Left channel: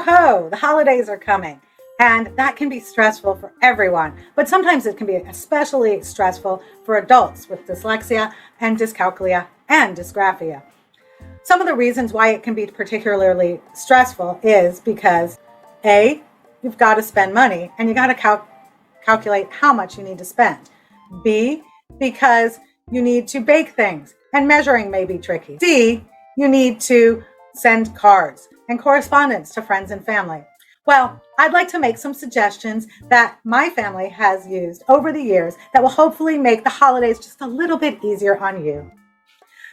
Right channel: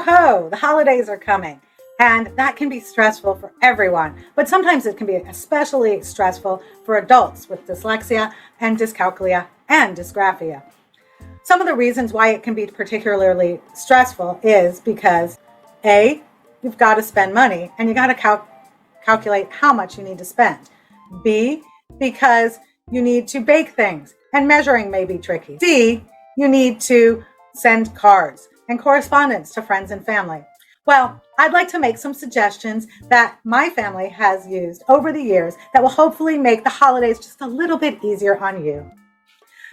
Ho-ho, the holidays are coming. And that can be stressful for everyone. But sometimes it can be especially stressful for adults with dyslexia and dyscalculia and dysgraphia. Some of the reasons why it can be particularly stressful is because A, you've got to spend money and you got to calculate how much you need to spend. B, because you need to bake things and measuring may be tricky. C, you need to send cards and correspondence to friends and family. Well, I'd like to make some suggestions that my family has used over the years that will hopefully make the holidays just a little bit easier on you.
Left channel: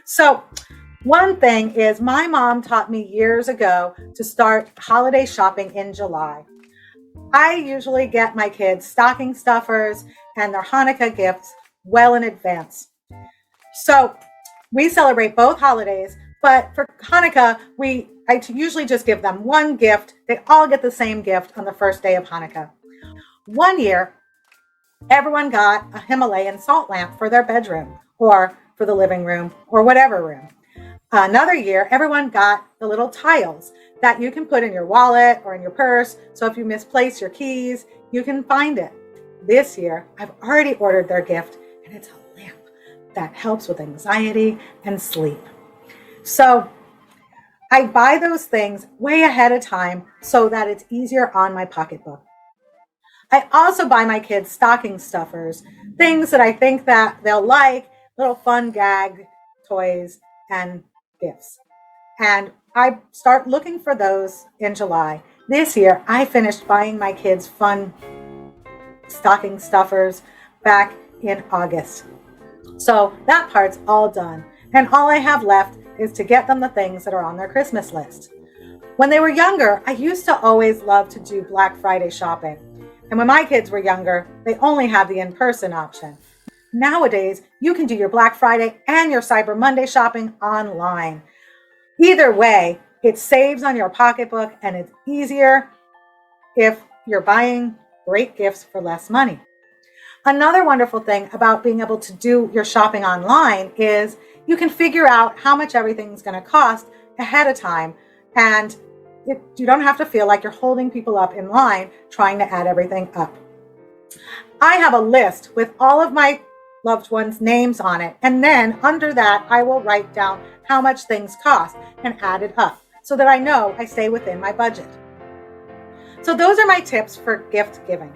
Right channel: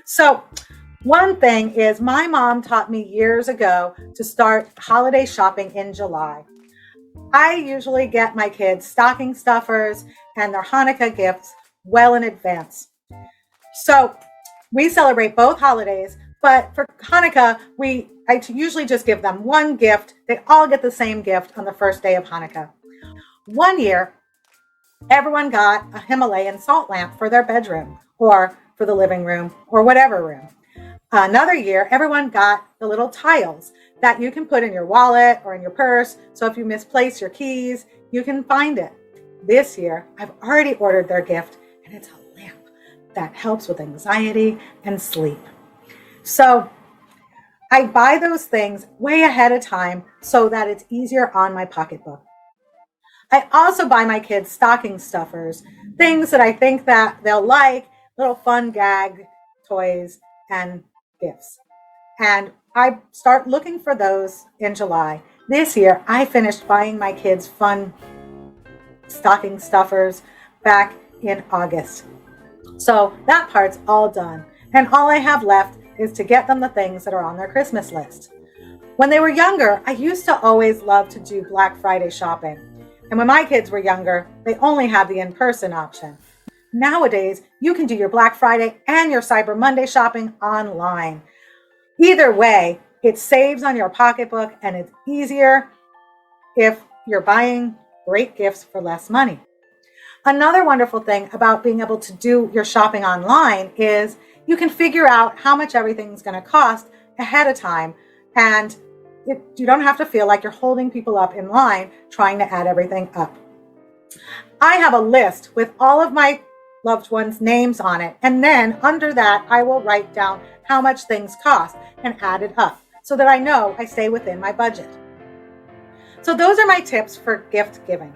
So, one thing is my mom taught me years ago to start holiday shopping in July. I usually get my kids stocking stuffers and their Hanukkah gifts well in advance. So, we celebrate both holidays, but for Hanukkah, I usually just give them one gift. They all get the same gift on the first day of Hanukkah. One year, everyone got a Himalayan salt lamp for their bedroom or for the living room or whatever room. Another year, everyone got the little tiles that you can put in your wallet or in your purse. So if you misplace your keys, you can find it. This year, I've already ordered their gift, and it's a lamp that helps with anxiety and sleep. So I buy those things way ahead of time so that it's easier on my pocketbook. I also buy my kids stocking stuffers, things that I think that they'll like, little fun gag toys and gifts. And I start looking for those in July. This year, I finished buying my kids fun stocking stuffers back in August. So that part's all done. And all I have left is to get them the things that are on their Christmas list. When they were younger, I used to always love to do Black Friday shopping. And when my kids were younger, they only had the in-person option. Nowadays, you can do your Black Friday and your Cyber Monday shopping online. Either way, it saves on your pocketbook and it's easier if you're buying great gifts for less money. Another wonderful thing about being able to do your shopping online is you can figure out how much everything's going to cost ahead of time. And you don't have to feel like you're holding people up in line trying to add everything up. I have a list with all of my loved ones' names on it. And then under that, I will write down how much things cost and add it up so that I know I stay within my budget. So those are my tips for gift giving.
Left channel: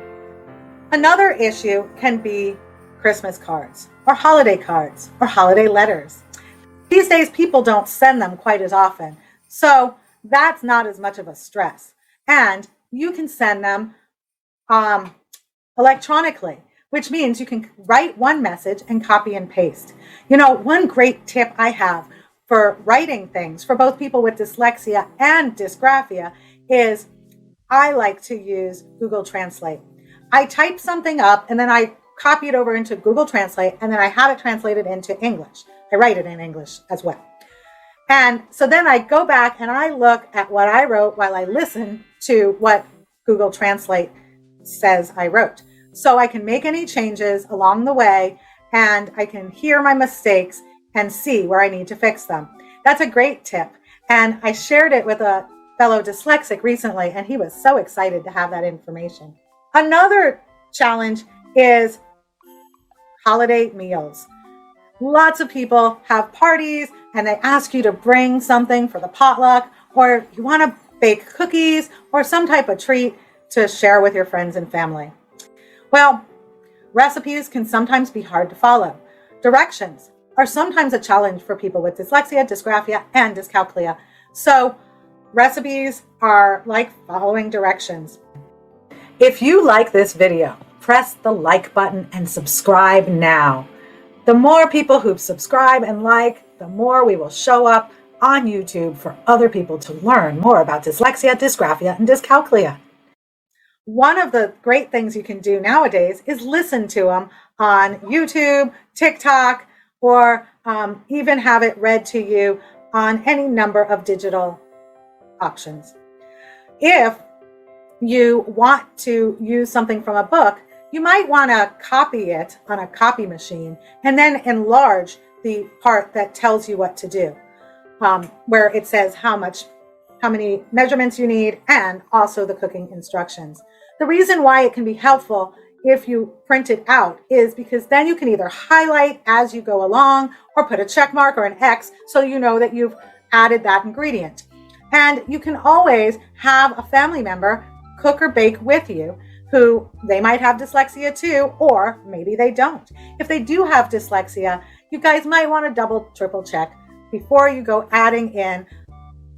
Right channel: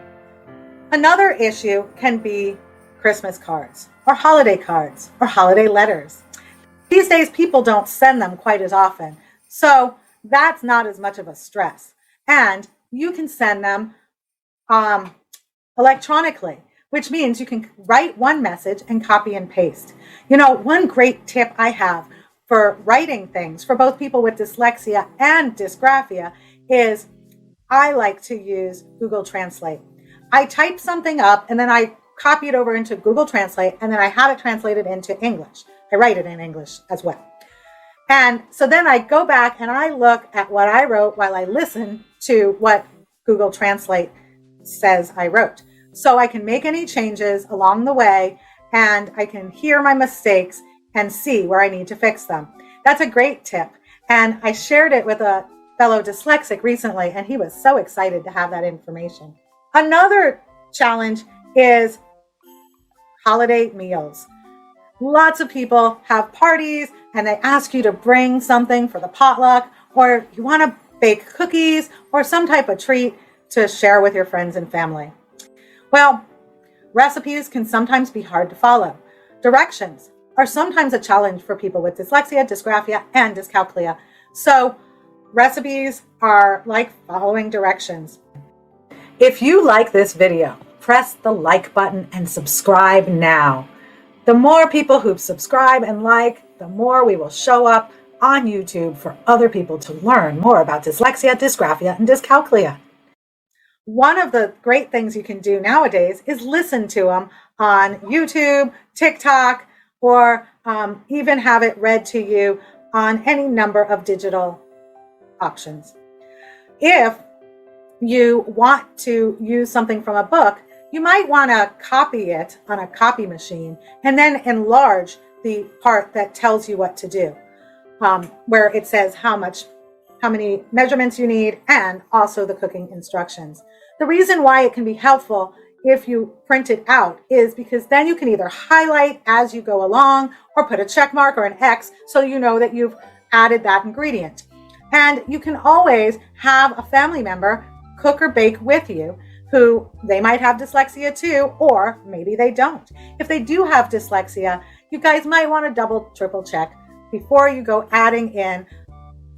Another issue can be Christmas cards or holiday letters. These days, people don't send them quite as often. So that's not as much of a stress. And you can send them electronically, which means you can write one message and copy and paste. You know, one great tip I have for writing things for both people with dyslexia and dysgraphia is I like to use Google Translate. I type something up and then I copy it over into Google Translate and then I have it translated into English. I write it in English as well. And so then I go back and I look at what I wrote while I listen to what Google Translate says I wrote. So I can make any changes along the way and I can hear my mistakes and see where I need to fix them. That's a great tip. And I shared it with a fellow dyslexic recently and he was so excited to have that information. Another challenge is holiday meals. Lots of people have parties and they ask you to bring something for the potluck, or you want to bake cookies or some type of treat to share with your friends and family. Well, recipes can sometimes be hard to follow. Directions are sometimes a challenge for people with dyslexia, dysgraphia, and dyscalculia. So recipes are like following directions. If you like this video, press the like button and subscribe now. The more people who subscribe and like, the more we will show up on YouTube for other people to learn more about dyslexia, dysgraphia, and dyscalculia. One of the great things you can do nowadays is listen to them on YouTube, TikTok, or even have it read to you on any number of digital options. If you want to use something from a book, you might want to copy it on a copy machine and then enlarge the part that tells you what to do, where it says how much how many measurements you need, and also the cooking instructions. The reason why it can be helpful if you print it out is because then you can either highlight as you go along or put a check mark or an X so you know that you've added that ingredient. And you can always have a family member cook or bake with you who they might have dyslexia too, or maybe they don't. If they do have dyslexia, you guys might want to double, triple check before you go adding in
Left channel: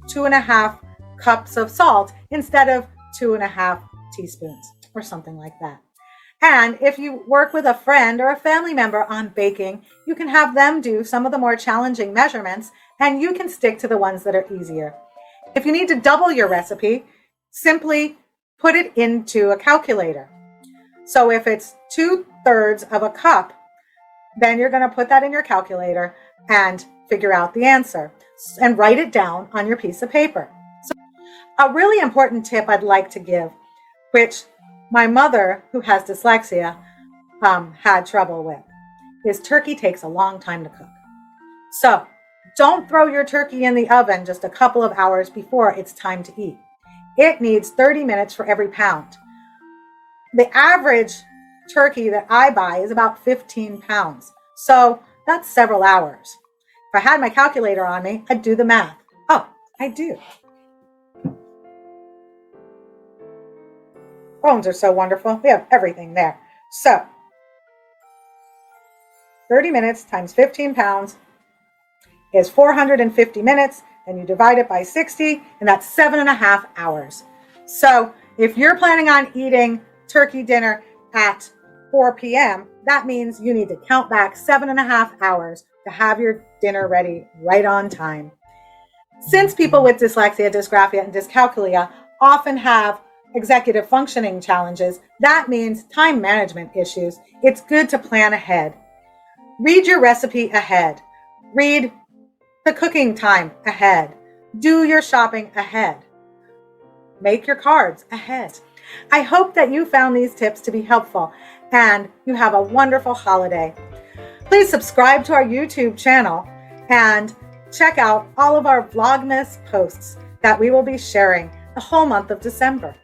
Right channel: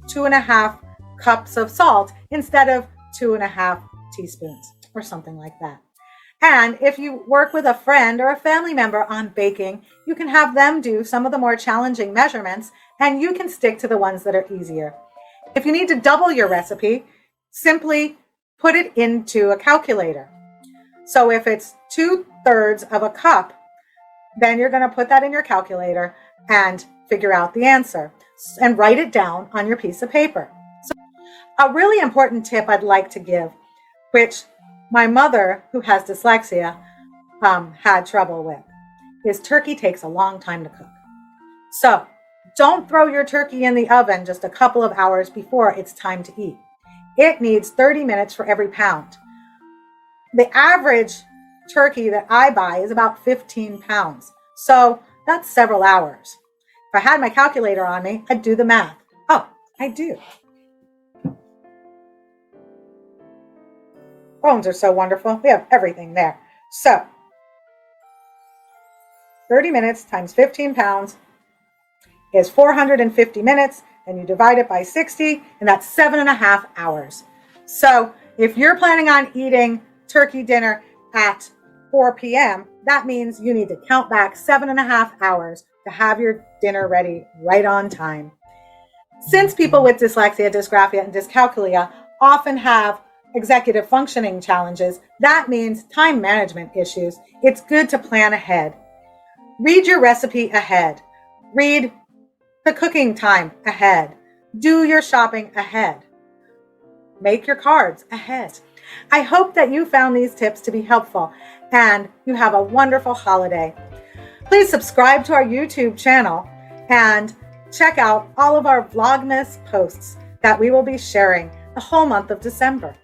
2.5 cups of salt instead of 2.5 teaspoons or something like that. And if you work with a friend or a family member on baking, you can have them do some of the more challenging measurements and you can stick to the ones that are easier. If you need to double your recipe, simply put it into a calculator. So if it's 2/3 of a cup, then you're going to put that in your calculator and figure out the answer and write it down on your piece of paper. So a really important tip I'd like to give, which my mother, who has dyslexia, had trouble with, is turkey takes a long time to cook. So don't throw your turkey in the oven just a couple of hours before it's time to eat. It needs 30 minutes for every pound. The average turkey that I buy is about 15 pounds. So that's several hours. If I had my calculator on me, I'd do the math. Oh, I do. Phones are so wonderful. We have everything there. So 30 minutes times 15 pounds is 450 minutes. And you divide it by 60, and that's 7.5 hours. So if you're planning on eating turkey dinner at 4 p.m., that means you need to count back 7.5 hours to have your dinner ready right on time. Since people with dyslexia, dysgraphia, and dyscalculia often have executive functioning challenges, that means time management issues. It's good to plan ahead. Read your recipe ahead. Read the cooking time ahead. Do your shopping ahead. Make your cards ahead. I hope that you found these tips to be helpful and you have a wonderful holiday. Please subscribe to our YouTube channel and check out all of our Vlogmas posts that we will be sharing the whole month of December.